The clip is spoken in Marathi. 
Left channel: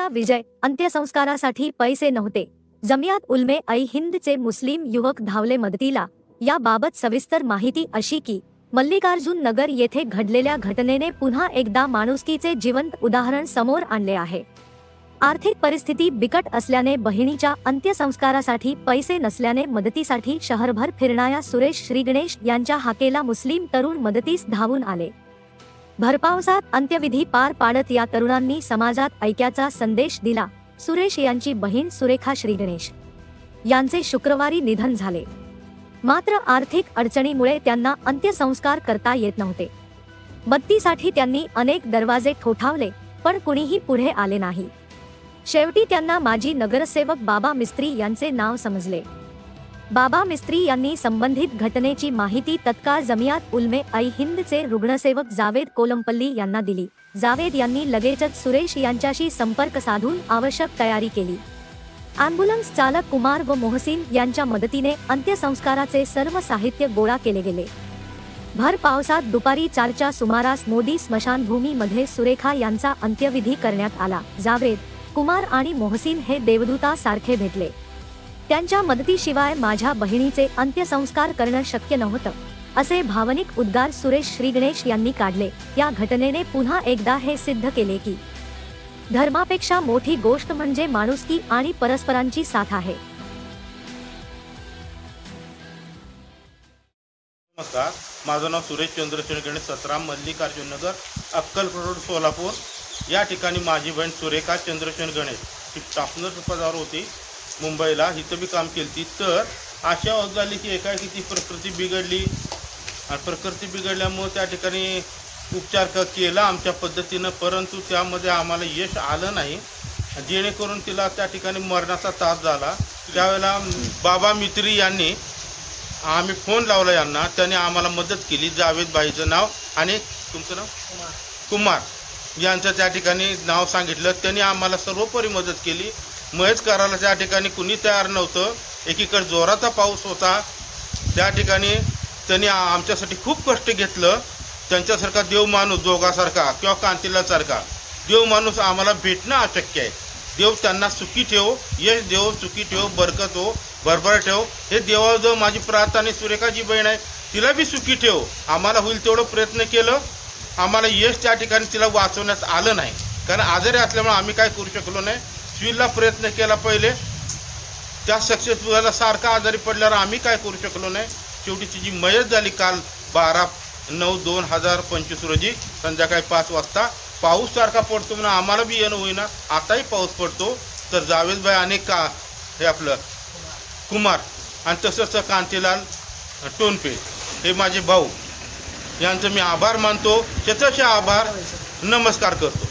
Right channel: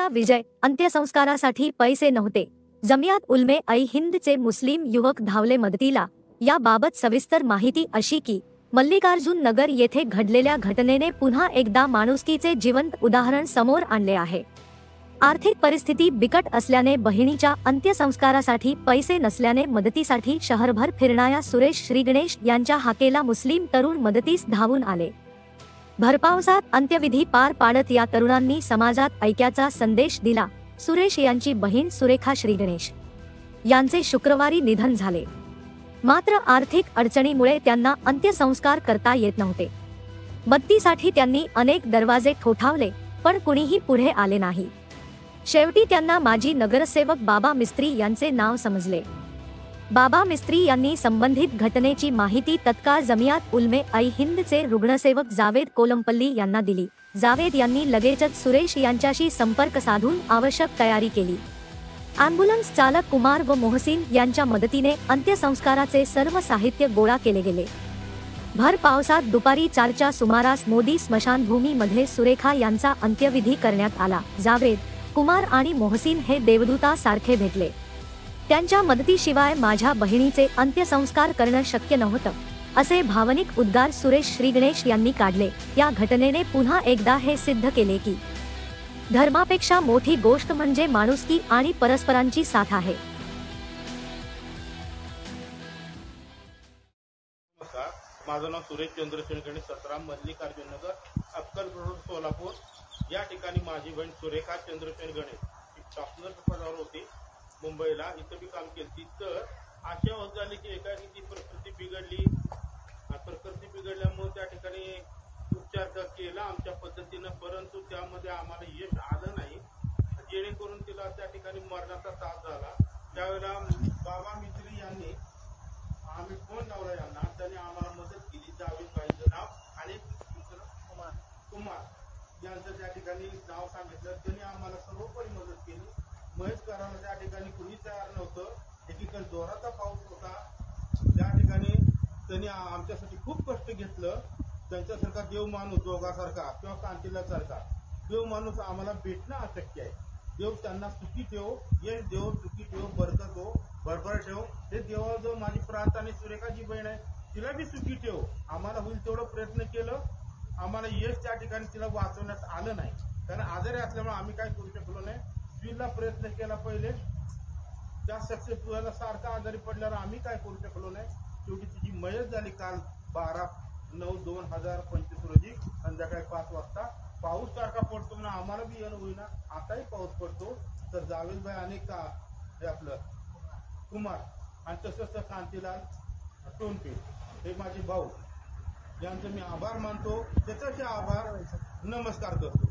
ईसाचा विजय, अंत्यसंस्कारासाठी पैसे नव्हते। जमियात उलमे ऐ हिंदचे मुस्लिम युवक धावले मदतीला। याबाबत सविस्तर माहिती अशी की मल्लिकार्जुन नगर येथे घडलेल्या घटनेने पुन्हा एकदा माणुसकीचे जिवंत उदाहरण समोर आणले आहे। आर्थिक परिस्थिती बिकट असल्याने बहिणीच्या अंत्यसंस्कारासाठी पैसे नसल्याने मदतीसाठी शहरभर फिरणाऱ्या सुरेश श्रीगणेश यांच्या हाकेला मुस्लिम तरुण मदतीस धावून आले। भरपावसात अंत्यविधी पार पाडत या तरुणांनी समाजात ऐक्याचा संदेश दिला। सुरेश यांची बहीण सुरेखा श्रीगणेश यांचे शुक्रवारी निधन झाले। मात्र आर्थिक अडचणीमुळे त्यांना अंत्यसंस्कार करता येत नव्हते। मदतीसाठी त्यांनी अनेक दरवाजे ठोठावले, पण कुणीही पुढे आले नाही। शेवटी त्यांना माजी नगरसेवक बाबा मिस्त्री यांचे नाव समजले। बाबा मिस्त्री यांनी संबंधित घटनेची माहिती तत्काळ जमियात उलमे ऐ हिंदचे रुग्णसेवक जावेद कोलमपल्ली यांना दिली। जावेद यांनी लगेचच सुरेश यांच्याशी संपर्क साधून आवश्यक तयारी केली। ॲम्ब्युलन्स चालक कुमार व मोहसिन यांच्या मदतीने अंत्यसंस्काराचे सर्व साहित्य गोळा केले गेले। भर पावसात दुपारी 4च्या सुमारास मोदी स्मशानभूमीमध्ये सुरेखा यांचा अंत्यविधी करण्यात आला। जावेद, कुमार आणि मोहसिन हे देवदूतासारखे भेटले। त्यांच्या मदतीशिवाय माझ्या बहिणीचे अंत्यसंस्कार करणं शक्य नव्हतं, असे भावनिक उद्गार सुरेश श्रीगणेश यांनी काढले। या घटनेने पुन्हा एकदा हे सिद्ध केले की धर्मापेक्षा मोठी गोष्ट म्हणजे माणुसकी आणि परस्परांची साथ आहे। नमस्कार, माझं नाव सुरेश चंद्रशेखर गणेश, 17 मल्लिकार्जुन नगर, अक्कलकोट रोड, सोलापूर। या ठिकाणी माझी बहीण सुरेखा चंद्रशेखर गणेश ही स्टाफनर पदावर होती मुंबईला, इथं बी काम केली। तर अशा होत झाली की एकाएकी ती प्रकृती बिघडली आणि प्रकृती बिघडल्यामुळे त्या ठिकाणी उपचार केला आमच्या पद्धतीनं, परंतु त्यामध्ये आम्हाला यश आलं नाही, जेणेकरून तिला त्या ठिकाणी मरणाचा त्रास झाला। त्यावेळेला बाबा मित्री यांनी आम्ही फोन लावला यांना, त्यांनी आम्हाला मदत केली। जावेद भाईचं नाव आणि तुमचं नाव कुमार यांचं त्या ठिकाणी नाव सांगितलं, त्यांनी आम्हाला सर्वोपरी मदत केली। मयत करायला त्या ठिकाणी कुणी तयार नव्हतं। एकीकडे जोराचा पाऊस होता, त्या ठिकाणी त्यांनी आमच्यासाठी खूप कष्ट घेतलं। त्यांच्यासारखा देव माणूस, जोगासारखा किंवा कांतीलासारखा देव माणूस आम्हाला भेटणं अशक्य आहे। देव त्यांना सुखी ठेव, यश देव, सुखी ठेव, बरकत हो, भरभर ठेव, हे देवाजवळ माझी प्रार्थना। सुरेखाची बहीण आहे, तिला बी सुखी ठेव। आम्हाला होईल तेवढं प्रयत्न केलं, आम्हाला यश त्या ठिकाणी तिला वाचवण्यात आलं नाही, कारण आजारी असल्यामुळे आम्ही काय करू शकलो नाही। स्वीला प्रयत्न केला पहिले, त्या सक्सेस व्हायला सारखा आजारी पडल्यावर आम्ही काय करू शकलो नाही। शेवटी तिची मयत झाली काल 12/9/2025 रोजी संध्याकाळी 5 वाजता। पाऊस सारखा पडतो म्हणून आम्हाला बी येणं होईना, आताही पाऊस पडतो। तर जावेदभाई आणि हे आपलं कुमार आणि तसंच कांतीलाल टोनपे हे माझे भाऊ, यांचं मी आभार मानतो, शतश आभार, नमस्कार करतो।